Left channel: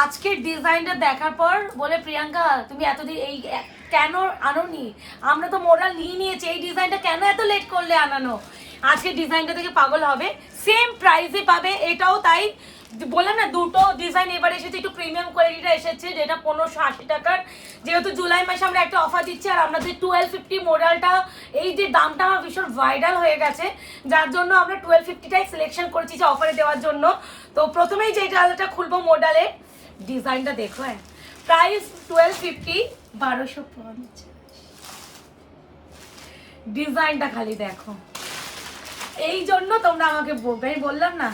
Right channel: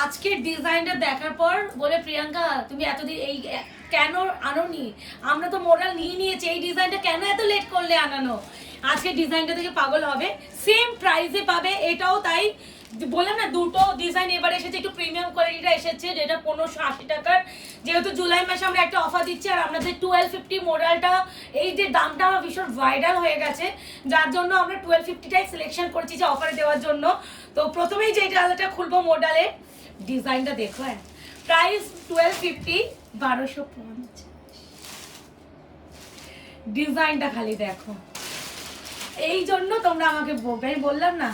আজকের ডিজাইনটা দেখার পর বলে প্রিয়াঙ্কা তুমি এতদিন এই কেন আনোনি, আমরা তো মোরাল নিয়ে নিয়েছি, এই ডিজাইনটা কেন এত লেট করলে আনানো। আজকের ডিজাইনটা থেকে পাগল হবে, সেম প্রাইসে পাবে। এটাও তাই বললাম না, দুটো ডিজাইন এবার এসেছে, একটু প্রিমিয়াম কোয়ালিটিটা এসেছে, যেটা 1580 টাকার। যেহেতু জুলাই মাসে আমরা একটা অফার দিচ্ছি, আর আমাদের 1250 মোডালটা, এই যে দামটা আমার ভীষণ ভাইরাল হয়ে গেছে, যার জন্য আমরা 1250টাই সিলেকশন করেছি যে অফারে দেওয়ার জন্য। তো প্রথমেই যে ডালটা খুলবো মোডালে, ডিজাইনটা দেখো। হ্যাঁ, প্রাইস 1250, 1250। ডিজাইনটা খালি দেখো, এই জন্য তোমরা আমাকে বলবে, আমি বললাম না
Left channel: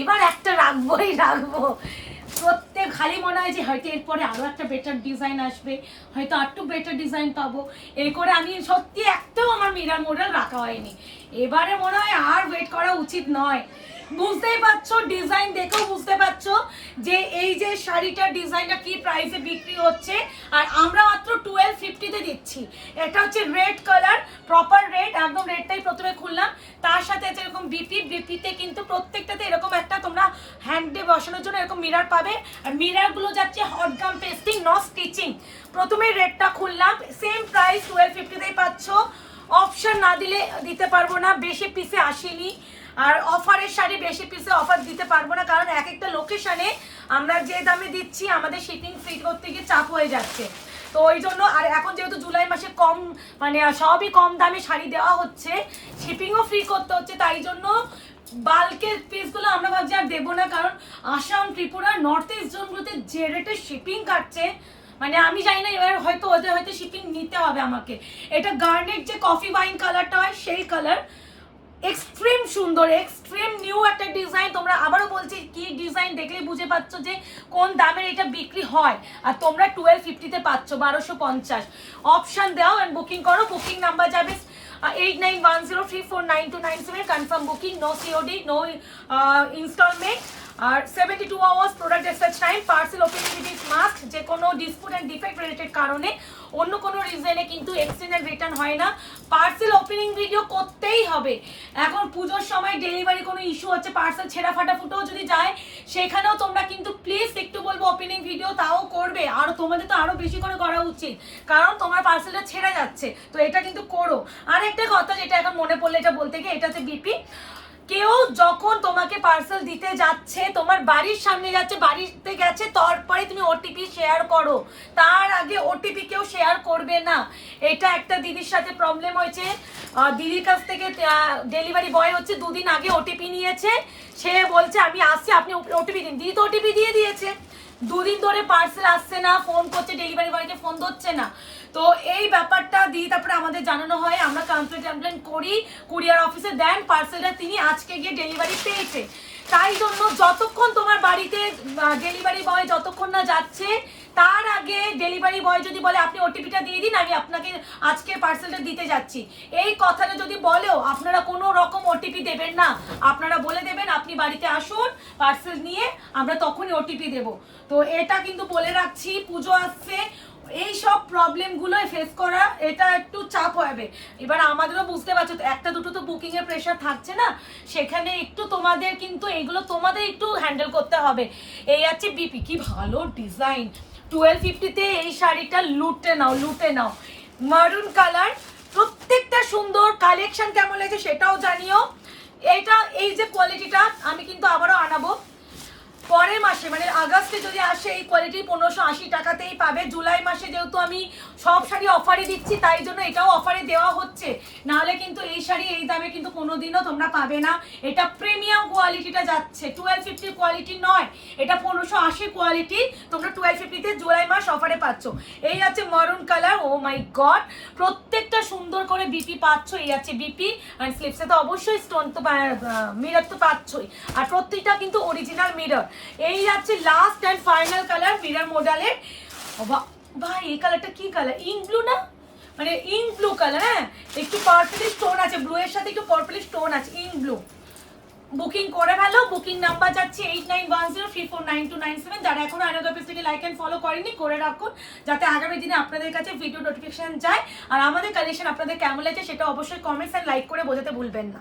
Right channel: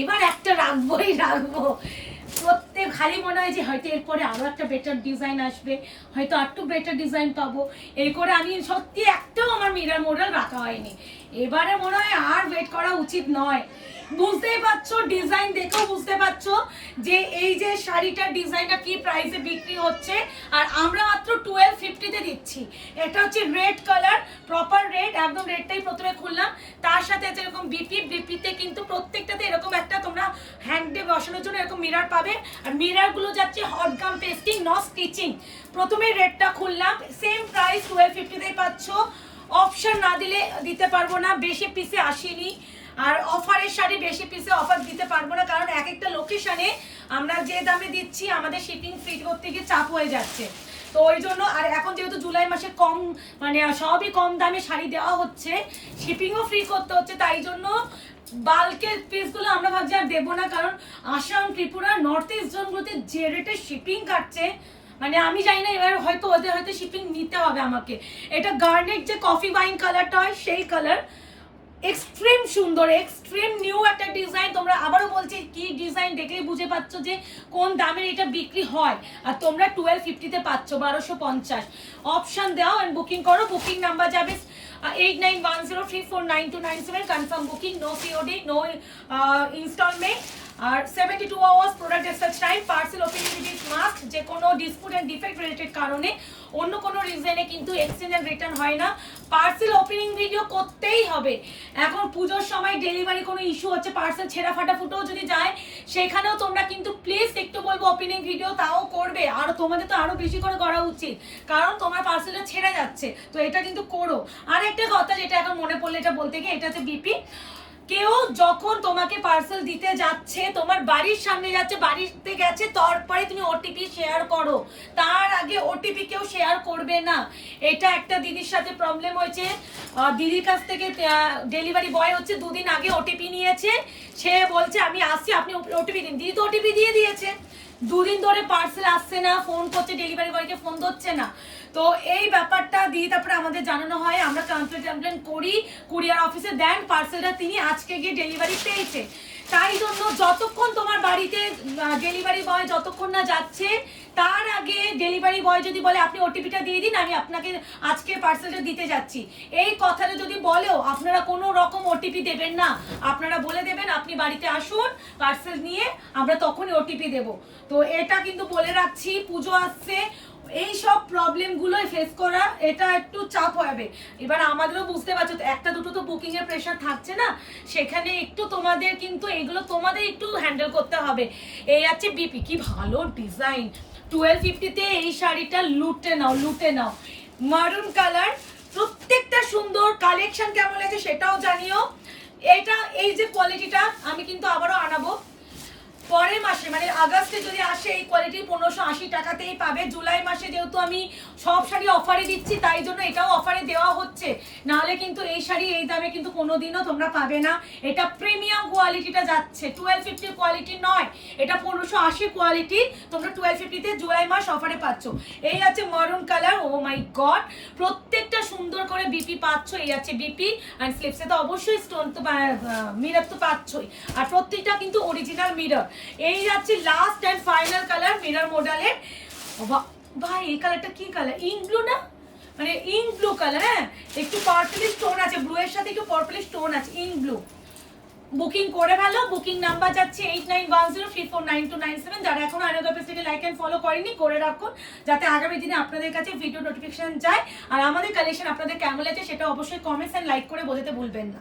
এবার একটা রাখবো। প্রত্যেক খালি মনে হয় যে হয়তো এরপরে আরো একটা বেটার ডিজাইন আসবে, হয়তো আরটু বেটার ডিজাইন পাবো, এই করে আমি সত্যি একটাও আমার মিরার মডেল রাখা হয়নি। এবারে মনে হয় আর ওয়েট করা উচিত নয়। বুঝতেই পারছো, ডিজাইন দেখেও বুঝতে পারছো যে এই যে শাড়িটার ডিজাইনটা কি প্রাইসে বিক্রি হচ্ছে, আর আমরা মাত্র 1250-তে দিচ্ছি। এটা হচ্ছে রেড কালার, প্রপার রেড, একদম রেডটাই প্রথমে খুললাম। তার সাথে আছে এরকম বিপিতে কিন্তু প্রত্যেকটাতে এরকম একটা তোমরা হ্যান্ডে বসানোর জন্য এরকম মিরার পাবে। আর মিরার গুলো যাচ্ছে hot gum testing, not stitching. প্রথমেই রেডটা খুললাম, সেম প্রাইস 1250-তেই পাচ্ছ। অপশন না দিলে দিতে পারবো না, বেশি পিসে আসেনি। আর অফারের শাড়ি বেশি পিসে অফার দিতে পারবো না, কারণ এক একটা লোকেশনে আমরা যে দামে দিচ্ছি আমাদের শিপিং ফ্রি করতে গিয়ে চাপ হয়ে যাচ্ছে। তো ওই জন্য, আর এখন যেহেতু জুলাই মাসে কম মানে সবই কম দামে শাড়ি দেওয়া হচ্ছে, শিপিংও ফ্রি করতে হচ্ছে, তাই জন্য বাল্কের পিসগুলো আমরা ভাবছি আর দেবো না। কারণ আসাম, ত্রিপুরা, নর্থ ইস্ট জোনগুলোতে যে রেটে শিপিং কাটছে, মানে আমি জানি না, এবার হয়তো ওদের হয়তো শিপিং নিতে হবে আমাকে। এটা গার্নেট যে কফি ওয়াইন কালারটা হয় সেই কালার, এক্সট্রিম সুন্দর, এক্সট্রিম নিউ একটা ডিজাইন। তোমরা আবারও বলছি, কি ডিজাইন দেখলে বুঝে পাচ্ছ যে কোন দামের এটা বিক্রি হয়, আর তোমরা 1250-তে পাচ্ছ 1250। অপশন দাও এন্ড বুকিং করো। বুকিং নাম্বার যাবে 8910349297, confirm booking, no COD, no instalment, আর 72 hours product dispatch time. Parcel opening is must, যে কোনো ডিসপুট এন্ড ডিফেক্ট রিলেটেড কারণে, অন্য কোনো রিজনে কিন্তু এক্সচেঞ্জ এন্ড রিটার্ন হয় না। পার্সেল ওপেনিং ভিডিও করতেই হবে। এখন পুজোর সময় ডেলিভারি কোনো ইস্যু হচ্ছে, পার্সেল ছেঁড়া ফাটা ফুটেও যদি যায়, সেখানেও তোমরা কিন্তু প্লিজ একটু বলবো ওপেনিং ভিডিও তাও করবে। আর তোমাদের তো আরো বেশি করে করা উচিত, কারণ তোমার পার্সেলটা ছেড়ে যাচ্ছে, তো এটা কিন্তু করো। আর একটা কথা যেটা এখন মনে পড়লে এটা বলতে গিয়ে, এটা হচ্ছে বিপি। কেউ যখন তোমাকে পার্সেল দিতে যাচ্ছে, তোমার বাড়ির সামনে যাচ্ছে, বাড়িতে গেছে, তারপরে তুমি ওটিপি শেয়ার করো, তার আগে ওটিপি কেউ শেয়ার করবে না। এটা একটা দিদির সাথে প্রবলেম হয়েছে, দিদির কাছ থেকে ডেলিভারি বয় হচ্ছে 2 দিন আগে ওটিপি নিয়েছে, সে বলছে আমি আসছি আপনি ওটিপি দিন। দিদি তো ওটিপি দিয়ে দিয়েছে, 2 দিন ধরে পার্সেল আসছে না, ফোন করছে ডেলিভারি বয়কে, ফোন ধরছে না। তো এই ব্যাপারটা দিয়ে তারপরে আমাদের জানানো হয়, আমরা কমপ্লেন করি, কুরিয়ার অফিসে দেন পার্সেলটা, তিনি আজকে গিয়ে ডেলিভারি পেয়েছে। তাই জন্য যতক্ষণ তোমার বাড়িতে ডেলিভারি বয় যতক্ষণ না যাচ্ছে, তার আগে ডেলিভারি বয় যদি বলে আপনি ওটিপিটা দিয়ে দিন, আমি আপনাকে আজকে পার্সেলটা দিতে যাচ্ছি, এই কথাটা যদি বলেও আপনারা কোনো রকম ওটিপি দেবেন না। আপনারা বলে দেবেন আপনি বাড়িতে আসুন পার্সেল নিয়ে, আমরা তখনই ওটিপি দেব। তো এটা কিন্তু বলে রাখছি, পুজো আসছে, এই সব প্রবলেম গুলো ফেস করা এটা একটু চাপ হবে। এবার আমাদেরও বুঝতে পারছো, একটা দুটো তো বুকিং এর প্রেশার থাকছে না, সেখানে একটু তোমাদের কিন্তু এগুলো তোমাদের একটু হ্যান্ডেল করতে হবে। এই আছে বিপি, কি ভালো ডিজাইন, 1250-তে এই শাড়িটা লুটে নাও, লুটে নাও। মারুন কালার, প্রত্যেকটা সুন্দর। কালেকশন কেমন লাগছে সেটাও জানিও। এটা এই যে কোয়ালিটিটা আমি কিন্তু আবারও আনাবো পরের মাসে, মানে আগস্টে যদি আসে, এই কোয়ালিটি 1580 টাকাতেই পাবে। জুলাই মাসে যেহেতু আমি সব শাড়ি অফারে দিচ্ছি, তাই জন্য এটাও অফারে দেওয়া হচ্ছে, নাহলে কিন্তু এই শাড়ি এই দামে কিন্তু কোনোদিনও তোমরা পাবে না। এটা প্রিমিয়াম কোয়ালিটিটা যাচ্ছে, 1250 কোয়ালিটি নয়, এটা 1580 কোয়ালিটি, তোমরা 1250-তে জুলাই মাস অফারে পাচ্ছ। এই আছে মারুন কালার, ও মাই গড, প্রত্যেকটা সুন্দর করে বিপি পাচ্ছ। এই আছে বিপি, অ্যান্ড স্লিপসে তো অবশ্যই স্টোন তো মিরর তো পাচ্ছই, আর প্রত্যেকটা কিন্তু অরিজিনাল মিরর। এই যাচ্ছে last and final colour mirror মডেলের। ভাই এই কালারটা কি কালার, ইঙ্ক ব্লু না, মানে ইঙ্ক ব্লু কালার। হ্যাঁ, একটু পার্পল স্টোন আছে, ব্লু এর সাথে একটু পার্পল স্টোন আছে, ইঙ্ক ব্লু। বুকিং করে ফেলো, বুকিং নাম্বার যাচ্ছে 8910349297। যারা এখন আয়নাগর পেজটাকে লাইক এন্ড ফলো করেনি, করে রাখুন, যাতে আগামী দিনে আপনাদের কাছে ভিডিও নোটিফিকেশন যায়। আর আমাদের কালেকশন আপনাদের কেমন লাগছে সেটা অবশ্যই কমেন্টস এন্ড লাইক করে বোঝাতে ভুলবেন না।